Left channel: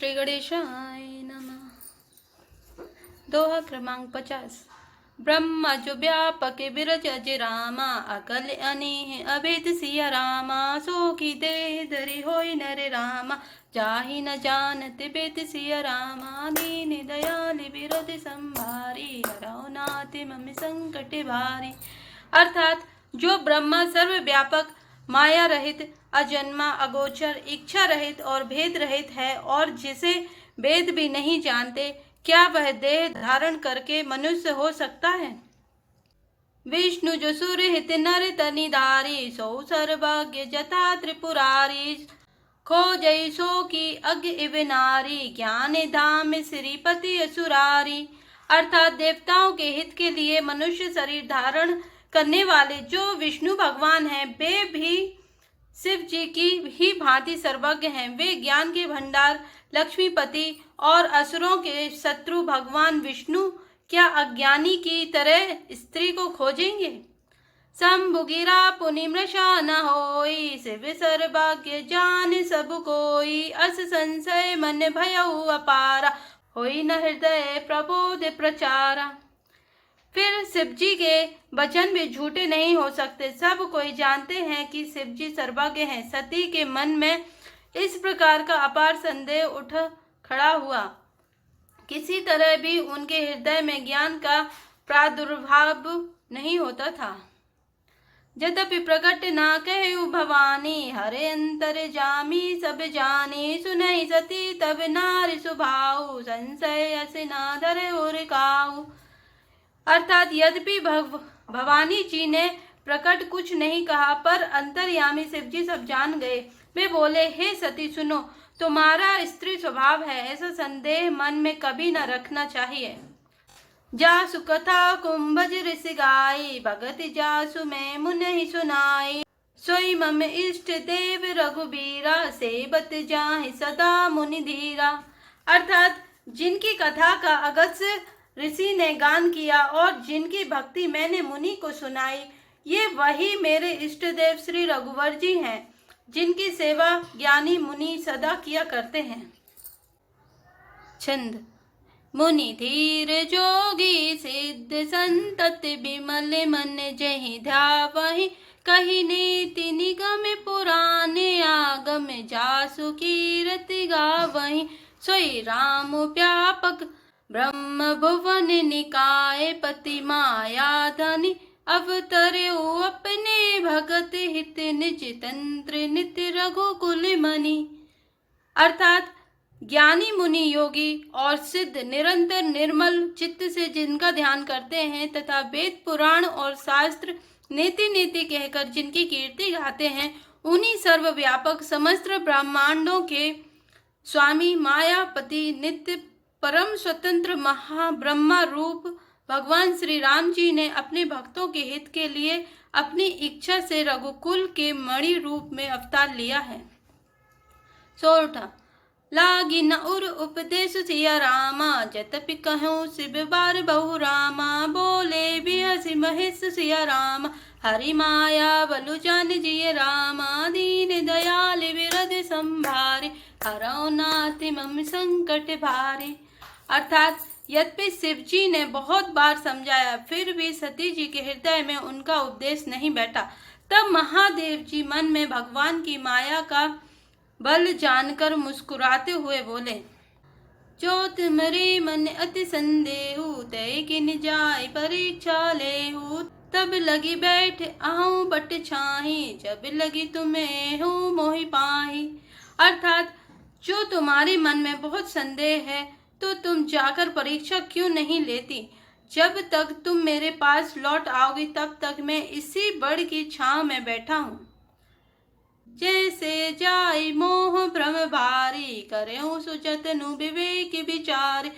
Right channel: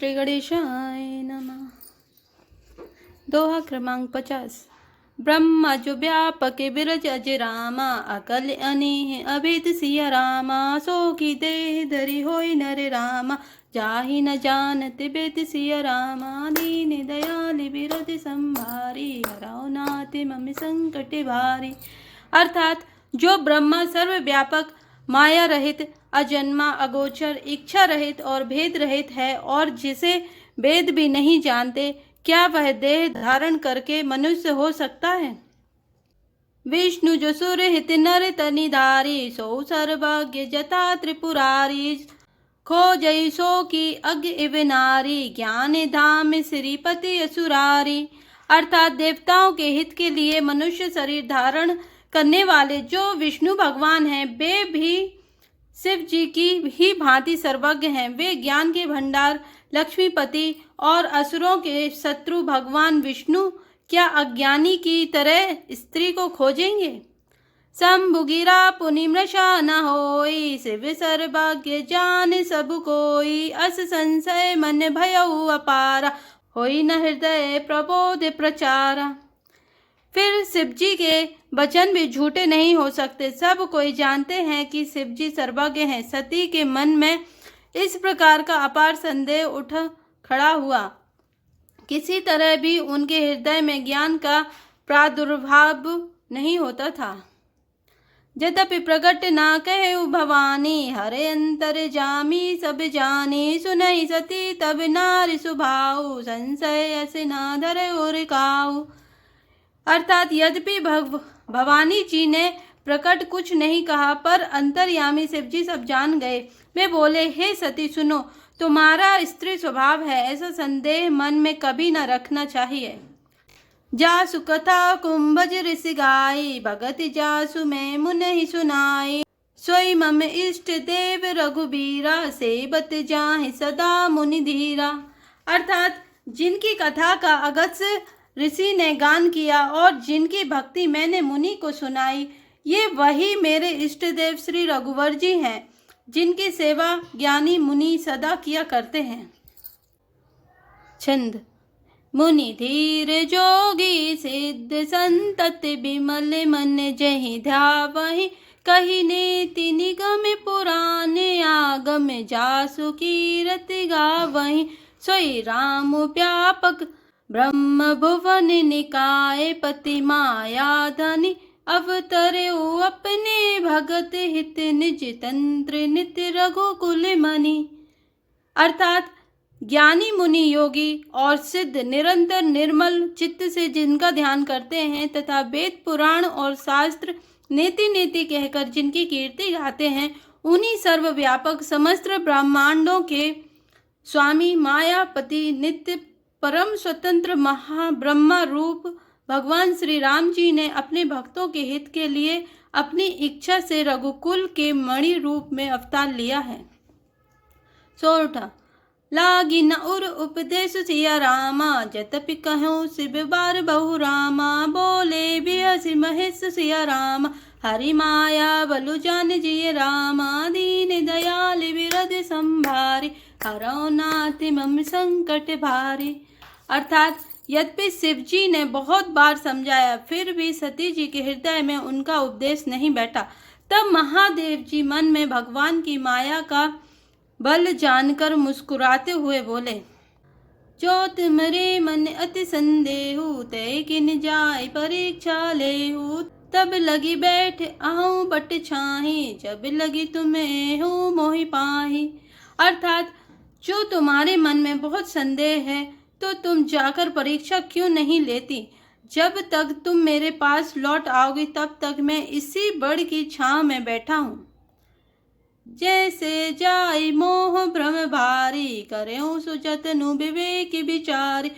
श्री गणेशाय नमः। दोहा क्रमांक 50। ब्रह्मा जो व्यापक बिरज अजय रामा, अकल अनेह अभेद सिया रामा। सो की देह धरि होई नर रामा, जाहि न जानत बेद सिया रामा। दीन दयाल बिरद संभारी, हरौ नाथ मम संकट भारी। अर्थात जो ब्रह्मा सर्वव्यापक, माया रहित, अजन्मा, अगोचर, इच्छा रहित और भेद रहित है, और जिसे वेद भी नहीं जानते, क्या वह देह धारण करके मनुष्य हो सकता है। विष्णु जो सुर हित नर तनिधारी, सो सर्वज्ञ जता त्रिपुरारी। खोजई सो की अज्ञ इव नारी, ज्ञान धाम श्रीपति असुरारी। अर्थात देवताओं के हित के लिए मनुष्य शरीर धारण करने वाले जो विष्णु भगवान हैं, वे भी शिव जी की ही भांति सर्वज्ञ हैं। वे ज्ञान के भंडार, लक्ष्मीपति और असुरों के शत्रु भगवान विष्णु क्या अज्ञानी की तरह स्त्री को खोजेंगे। शंभु गिरा पुनि मृषा न होई, शिव सर्वज्ञ जान सब कोई। अस संशय मन भयउ अपारा, होई न हृदय प्रबोध प्रचारा। फिर शिव जी के वचन भी झूठे नहीं हो सकते। सब कोई जानते हैं कि शिव जी सर्वज्ञ हैं। सती के मन में इस प्रकार का अपार संदेह उठ खड़ा हुआ। किसी तरह भी उनके हृदय में ज्ञान का प्रादुर्भाव नहीं होता था। यद्यपि प्रकट ना कहे भवानी, हरे अंतर जामी सब जानी। सुनहि सती तब नारी सुभाऊ, संशय अस ना धरे और काऊ। अर्थात यद्यपि भवानी जी ने प्रकट कुछ नहीं कहा, पर अंतर्यामी शिव जी सब जान गए। वे बोले, हे सती सुनो, तुम्हारा स्त्री स्वभाव है, ऐसा संदेह मन में कभी न रखना चाहिए। जासु कथा कुंभज ऋषि गाई, भगत जासु मैं मुनि सुनाई। सोई मम इष्ट देव रघुबीरा, सेवत जाहि सदा मुनि धीरा। अर्थात जिनकी कथा का अगस्त्य ऋषि ने गान किया और जिनकी भक्ति मैंने मुनि को सुनाई, ये वही मेरे इष्ट देव श्री रघुवर जी हैं, जिनकी सेवा ज्ञानी मुनि सदा किया करते हैं। छंद। मुनि धीर जोगी सिद्ध संतत बिमल मन, जहि ध्यावहि कहि नीति निगम पुराने। आगम जासु कीरति गावहि, सोई राम व्यापक ब्रह्म भुवन निकाय। पति माया धनि अवतरे अपने, भगत हित निज तंत्र नित्य रघुकुल मणि। अर्थात ज्ञानी मुनि योगी और सिद्ध निरंतर निर्मल चित्त से जिनका ध्यान करते हैं तथा वेद पुराण और शास्त्र नीति नीति कहकर जिनकी कीर्ति गाते हैं, उन्हीं सर्वव्यापक समस्त ब्रह्मांडों के स्वामी मायापति नित्य परम स्वतंत्र महाब्रह्मा रूप भगवान श्री राम जी ने अपने भक्तों के हित के लिए अपनी इच्छा से रघुकुल के मणि रूप में अवतार लिया है। सोरठा। लागी न उर उपदेश सिया रामा, जतपि कहूँ शिव बार बहु रामा। बोले बिहसि महेश सिया रामा, हरि माया बलु जान जिय रामा। दीन दयाल बिरद संभारी, हरौ नाथ मम संकट भारी। अर्थात यद्यपि शिव जी ने बहुत बार समझाया, फिर भी सती जी के हृदय में उनका उपदेश नहीं बैठा। तब महादेव जी मन में भगवान की माया का बल जानकर मुस्कुराते हुए बोले, जो तुम्हारे मन अति संदेहु, तय किन जाय परीक्षा लेहु। तब लगी बैठ आहूँ बट छाही, जब लगी तुम्हें हूँ मोहि पाही। अर्थात जो तुम्हारे मन में बहुत संदेह है, तो तुम जाकर परीक्षा क्यों नहीं लेती। जब तक तुम मेरे पास लौट आओगी, तब तक मैं इसी बड़ की छांव में बैठा हूँ। जैसे जाई मोह भ्रम भारी, करेऊ सुजतनु विवेक विचार।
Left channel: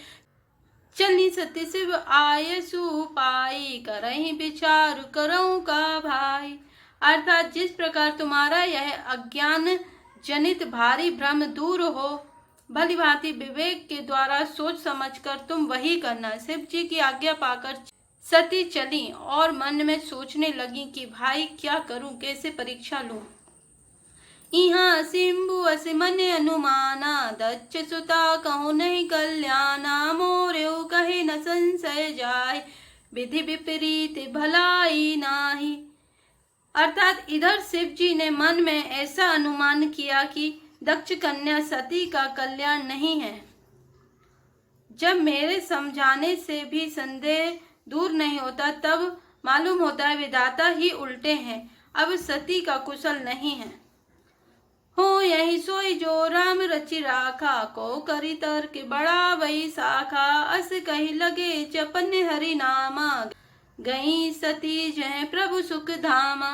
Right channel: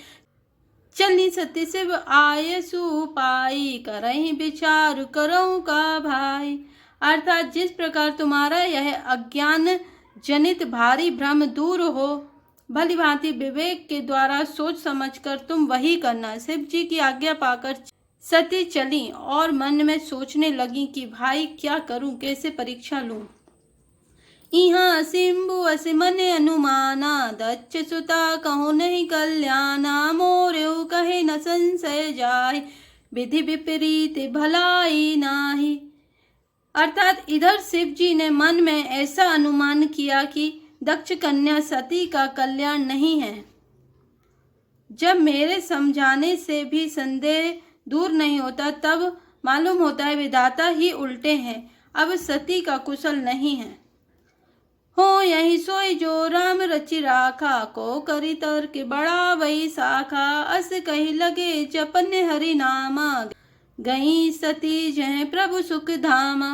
चली सती शिव आय सुपाई, करही विचार करऊँ का भाई। अर्थात जिस प्रकार तुम्हारा यह अज्ञान जनित भारी भ्रम दूर हो, भली भांति विवेक के द्वारा सोच समझकर तुम वही करना। शिव जी की आज्ञा पाकर सती चली और मन में सोचने लगी कि भाई क्या करूं, कैसे परीक्षा लूं। इहाँ सिंबु अस मन अनुमाना, दच्छ सुता कहूँ नहीं कल्याणा, मोर्यो कहे न संशय जाय, विधि विपरीत भलाई नाही। अर्थात इधर शिव जी ने मन में ऐसा अनुमान किया कि दक्ष कन्या सती का कल्याण नहीं है। जब मेरे समझाने से भी संदेह दूर नहीं होता, तब मालूम होता है विधाता ही उल्टे हैं, अब सती का कुशल नहीं है। हो यही सोई जो राम रचि राखा, को करी तर्क बड़ा वही शाखा, अस कही लगे जपन हरि नामा, गई सती जय प्रभु सुख धामा।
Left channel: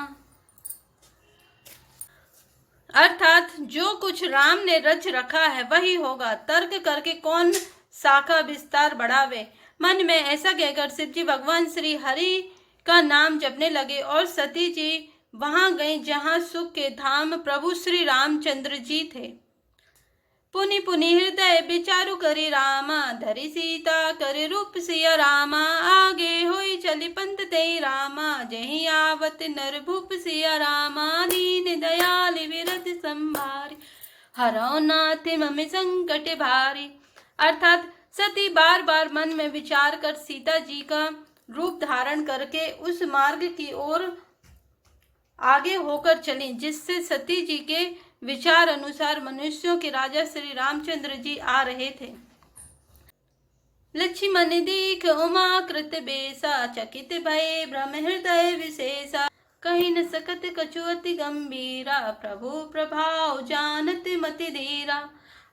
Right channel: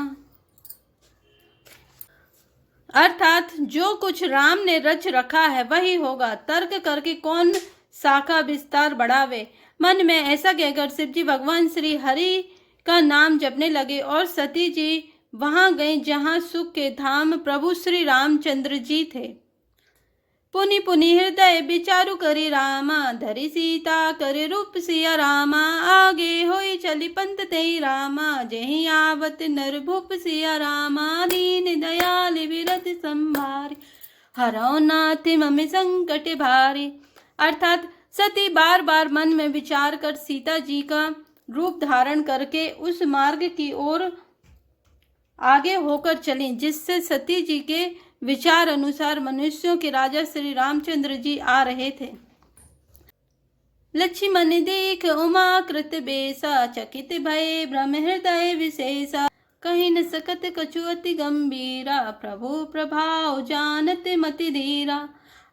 अर्थात जो कुछ राम ने रच रखा है वही होगा, तर्क करके कौन शाखा विस्तार बढ़ावे। मन में ऐसा कहकर शिव जी भगवान श्री हरि का नाम जपने लगे और सती जी वहां गई जहां सुख के धाम प्रभु श्री रामचंद्र जी थे। पुनि पुनि हृदय विचारु करी रामा, धरि सीता करे रूप सिया रामा, आगे होई चली पंत ते रामा, जेहि आवत नर भूप सिया रामा, दीन दयाल विरत संभारी, हरौ नाथ मम संकट भारी। अर्थात सती बार बार मन में विचार कर सीता जी का रूप धारण करके उस मार्ग की ओर आगे होकर चली जिससे सती जी के विचार अनुसार मनुष्यों के राजा श्री रामचंद्र जी आ रहे थे। लक्ष्मण देख उमा कृत बेसा, चकित भय भ्रम हृदय विशेषा, कहीं न सकत कछु अति गंभीरा, प्रभु प्रभाव जानत मति धीरा।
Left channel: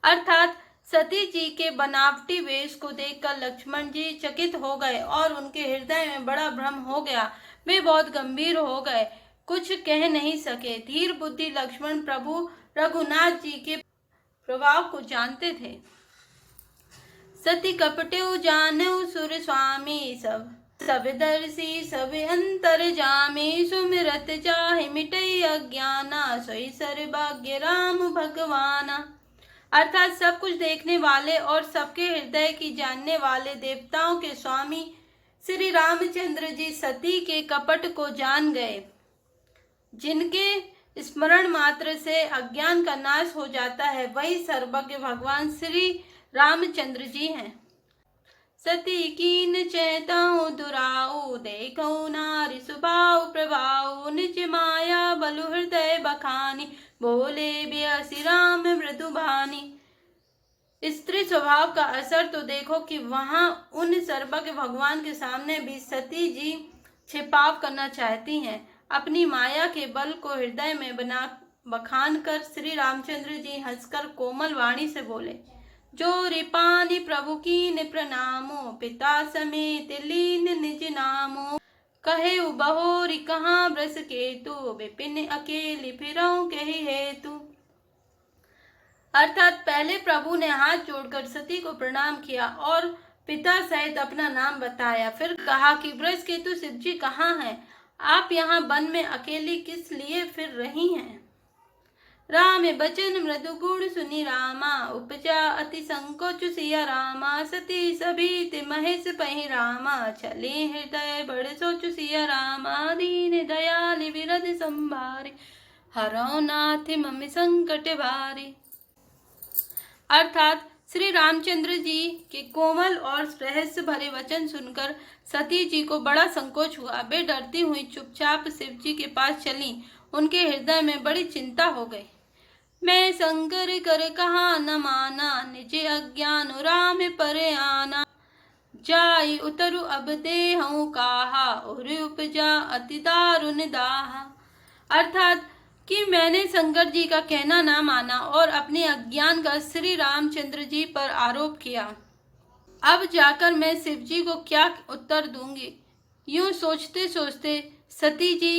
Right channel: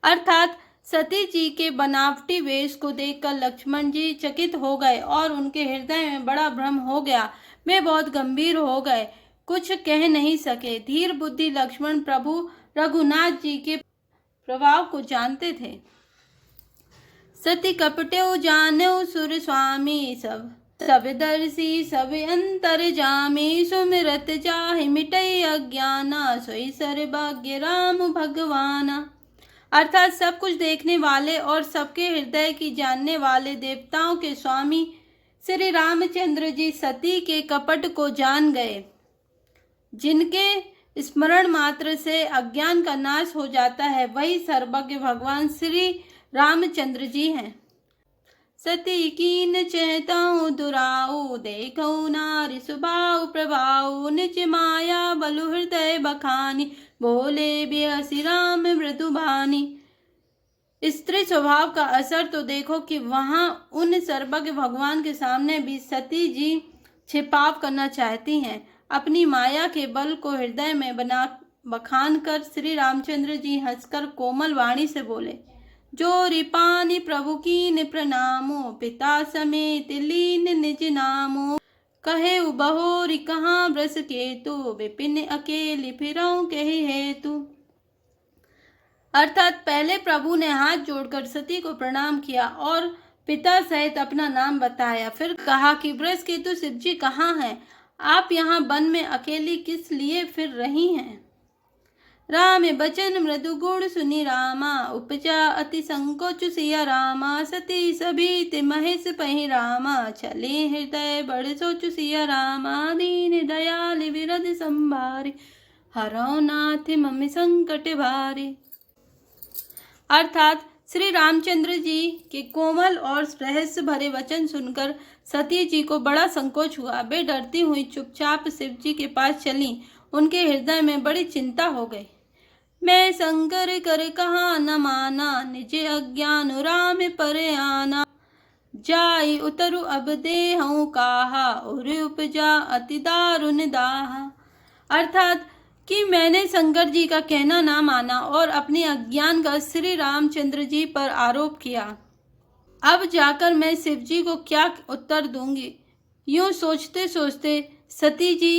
अर्थात सती जी के बनावटी वेश को देखकर लक्ष्मण जी चकित हो गए और उनके हृदय में बड़ा भ्रम हो गया। वे बहुत गंभीर हो गए, कुछ कह नहीं सके। धीर बुद्धि लक्ष्मण प्रभु रघुनाथ जी के प्रभाव को जानते थे। सती कपट्यो जानो सुर स्वामी, सब दर्शी सब अंतर जामी, सुमिरत जाहि मिटई अज्ञाना, सोई सर्वभाग्य राम भगवाना। अर्थात सब कुछ देखने वाले और सबके हृदय की जानने वाले देवताओं के स्वामी श्री रामचंद्र जी सती के कपट को जान गए। जिनके स्मरण मात्र से अज्ञान का नाश हो जाता है वही सर्वज्ञ भगवान श्री रामचंद्र जी हैं। सती कीन चैताऊ दुराऊ, देखऊ नारी सुभाव प्रभाऊ, निज माया बलु हृदय बखानी, बोले बिहसी राम मृदु भानी। स्त्री स्वभाव का असर तो देखो कि वहां उन सर्वज्ञ भगवान के सामने भी सती जी छिपाव करना चाहती हैं। अपनी माया के बल को हृदय में बखान कर श्री रामचंद्र जी हंसकर कोमल वाणी से बोले, जो रिपानी प्रभु की प्रणामो, पिता समेत लीन निज नामो, कहे बहोरी कहाँ ब्रस केतु, विपिन अकेली फिरऊं कहे हेतु। अर्थात पहले प्रभु ने हाथ जोड़कर सती को प्रणाम किया और पिता सहित अपना नाम बताया। फिर कहा कि ब्रस केतु शिव जी कहाँ हैं? आप यहाँ वन में अकेली किस लिए फिर रही हैं? राम बचन मृदु गुण सुनी रामा, उपजा अति संकोच सिया रामा, सती सभी महेश पहि रामा, चले हृदय बड़ सोच सिया रामा, दीन दयाल विरद संभारी, हरौ नाथ मम संकट भारी। अर्थात श्री रामचंद्र जी के कोमल और रहस्य भरे वचन सुनकर सती जी को बड़ा संकोच हुआ। वे डरती हुई चुपचाप शिव जी के पास चली। उनके हृदय में बड़ी चिंता हो गई। मैं शंकर कर कहा न माना, निज अज्ञान राम पर आना, जाई उतरु अब देहूं काहा, और उपजा अति दारुण दाहा। अर्थात कि मैंने शंकर जी का कहना ना माना और अपने अज्ञान का श्री रामचंद्र जी पर आरोप किया। अब जाकर मैं शिव जी को क्या उत्तर दूंगी? यूं सोचते सोचते सती जी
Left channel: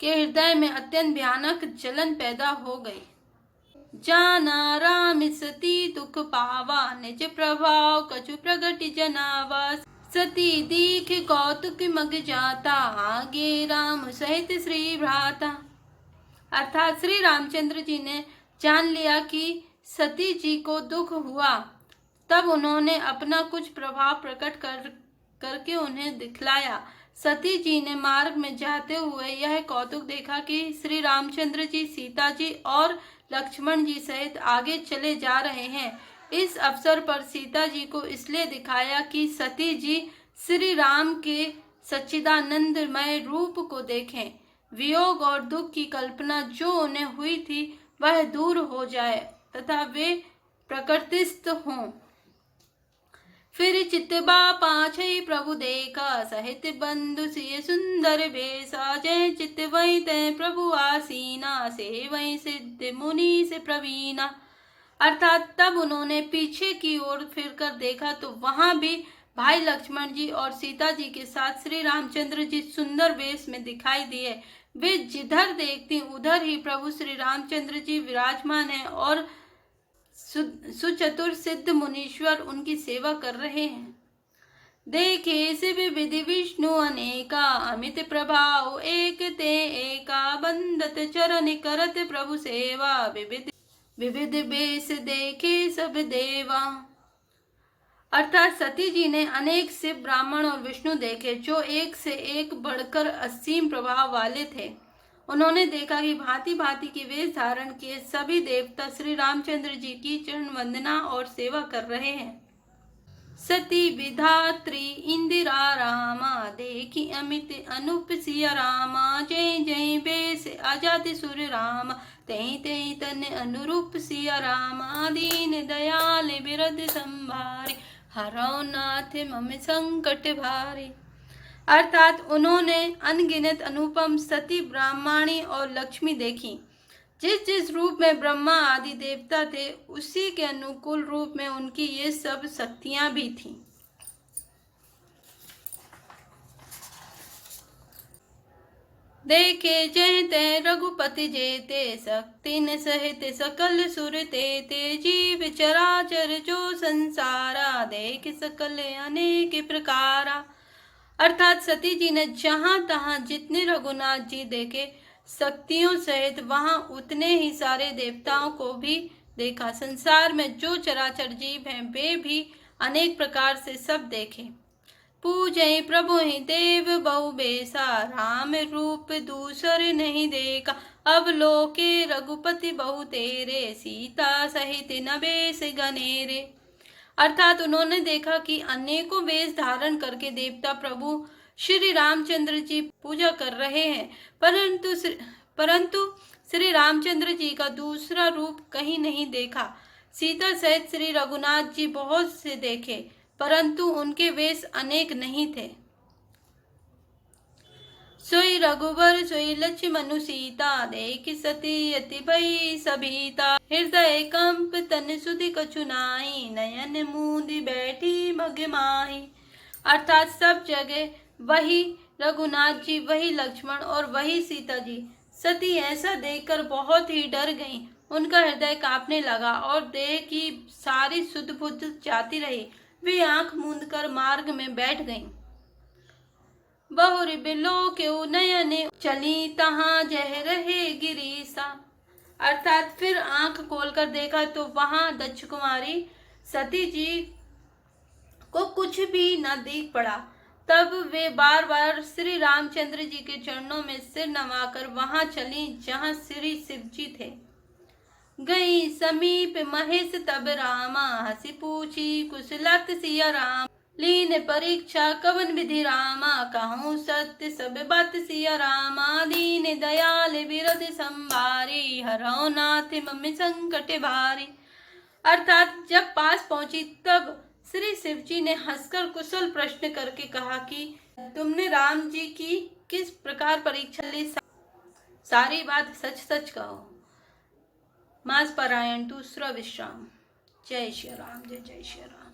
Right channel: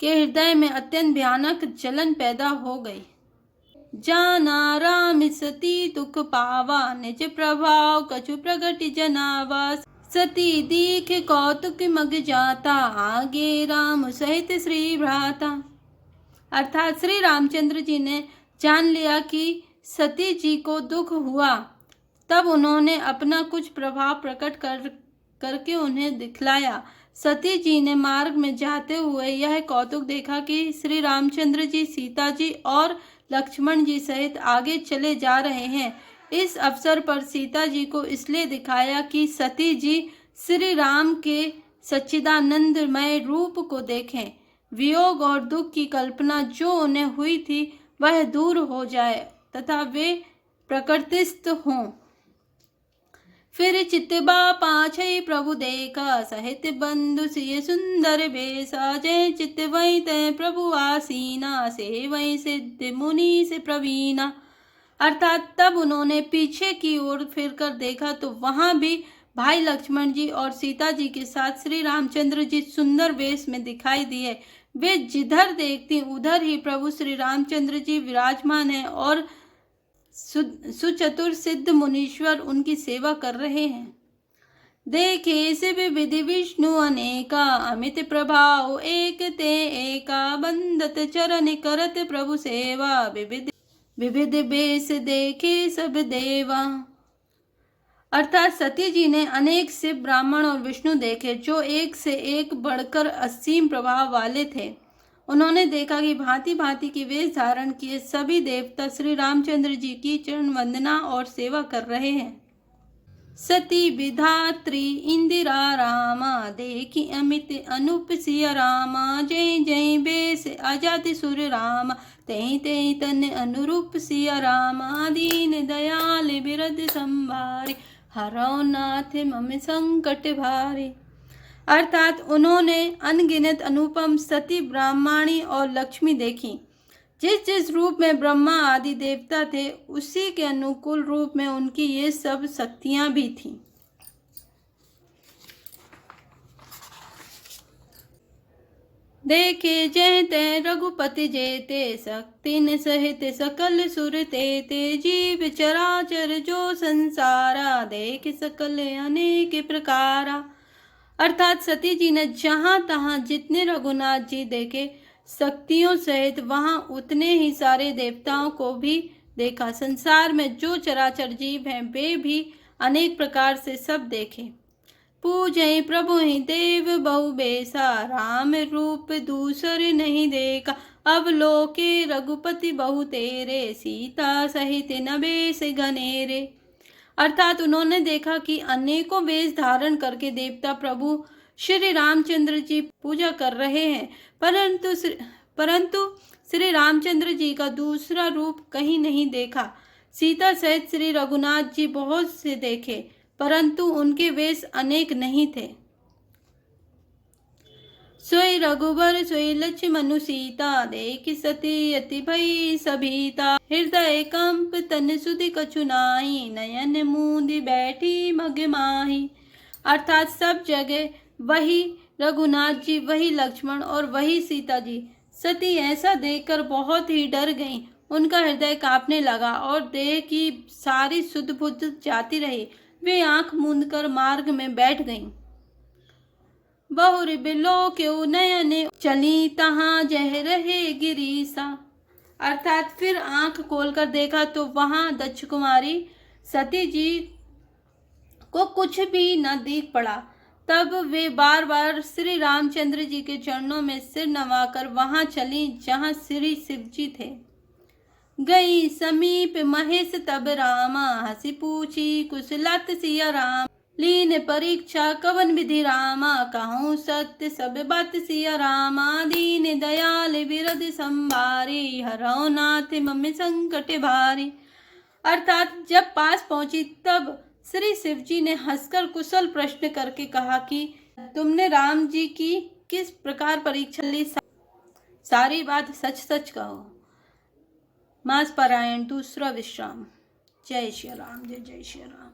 के हृदय में अत्यंत भयानक जलन पैदा हो गई। जाना राम सती दुख पावा, निज प्रभाव कछु प्रगति जनावा, सती दीख कौतुक मग जाता, आगे राम सहित श्री भ्राता। अर्थात श्री रामचंद्र जी ने जान लिया कि सती जी को दुख हुआ, तब उन्होंने अपना कुछ प्रभाव प्रकट करके उन्हें दिखलाया। सती जी ने मार्ग में जाते हुए यह कौतुक देखा कि श्री रामचंद्र जी, सीता जी और लक्ष्मण जी सहित आगे चले जा रहे हैं। इस अवसर पर सीता जी को इसलिए दिखाया कि सती जी श्री राम के सच्चिदानंदमय रूप को देखें, वियोग और दुख की कल्पना जो उन्हें हुई थी वह दूर हो जाए तथा वे प्रकृतिस्थ हों। फिर चितबा पाछे प्रभु देखा, सहित बंधु सिय सुंदर बेसा, जय चित वही तय प्रभु आसीना, से वही सिद्ध मुनि से प्रवीणा। अर्थात तब उन्होंने पीछे की ओर फिरकर देखा तो वहां भी भाई लक्ष्मण जी और सीता जी के साथ श्री रामचंद्र जी सुंदर वेश में दिखाई दिए। वे जिधर देखती उधर ही प्रभु श्री रामचंद्र जी विराजमान हैं और सुचतुर सिद्ध मुनीश्वर उनकी सेवा कर रहे हैं। देखे से विधि विष्णु अनेका, अमित प्रभाव एक ते एका, बंदत चरण करत प्रभु सेवा, विविध बेस देखे सब देवा। अर्थात सती जी ने अनेक शिव, ब्राह्मण और विष्णु देखे जो एक से एक बढ़कर असीम प्रभाव वाले थे। उन्होंने देखा कि भांति भांति की वेश धारण किए सभी देवता श्री रामचंद्र जी की चरण वंदना और सेवा कर रहे हैं। सती विधात्री इंदिरा रामा, देखी अमित अनुप सिया रामा, जय जय बेस आजाति सुर रामा, तै तै तन अनुरूप सिया रामा, दीन दयाल बिरद संभारे, हरौ नाथ मम संकट भारे। अर्थात उन्होंने अनगिनत अनुपम सती, ब्राह्मणी और लक्ष्मी देखी। जिस जिस रूप में ब्रह्मा आदि देवता थे उसी के अनुकूल रूप में उनकी ये सब शक्तियां भी थीं। देखे जयते रघुपति जेते, शक्ति न सहित सकल सुर तेते, जीव चराचर जो संसारा, देख सकल अनेक प्रकारा। अर्थात सती जी ने जहां तहां जितने रघुनाथ जी देखे शक्तियों सहित वहां उतने ही सारे देवताओं को भी देखा। संसार में जो चराचर जीव हैं वे भी अनेक प्रकार से सब देखे। पूजय प्रभु ही देव बहु बेसा, राम रूप दूसर नहीं देखा, अब लोके रघुपति बहु तेरे, सीता सहित न बेस घनेरे। अर्थात उन्होंने देखा कि अनेकों वेश धारण करके देवता प्रभु श्री रामचंद्र जी पूजा कर रहे हैं, परंतु श्री रामचंद्र जी का दूसरा रूप कहीं नहीं देखा। सीता सहित श्री रघुनाथ जी बहुत से देखे, परंतु उनके वेश अनेक नहीं थे। सोई रघुवर सोई लक्ष्मण सीता, देखि सती अति भई सभीता, हृदय कंप तन सुधि कछु नाहि, नयन मूंदि बैठी मग माही। अर्थात सब जगह वही रघुनाथ जी, वही लक्ष्मण और वही सीता जी। सती ऐसा देखकर बहुत ही डर गईं। उनका हृदय कांपने लगा और देह की सारी सुध बुध जाती रही। वे आंख मूंद कर मार्ग में बैठ गईं। बहुरी बिलो क्यों नयने चली, तहां जह रहे गिरीसा। अर्थात फिर आंख खोलकर देखा तो वहां दक्ष कुमारी सती जी को कुछ भी न दिख पड़ा। तब वे बार बार श्री रामचंद्र जी के चरणों में सिर नवाकर वहां चली जहां श्री शिव जी थे। गई समीप महेश तब रामा, हंसी पूछी कुशलत सिया राम, लीन परीक्षा कवन विधि रामा, कहूँ सत्य सब बात सिया रामा, दीन दयाल बिरद संभारी, हरौ नाथ मम संकट भारी। अर्थात जब पास पहुंची तब श्री शिव जी ने हंसकर कुशल प्रश्न करके कहा कि तुमने राम जी की किस प्रकार परीक्षा ली, सारी बात सच सच कहो। मास पारायण दूसरा विश्राम। जय श्री राम, जय जय श्री राम।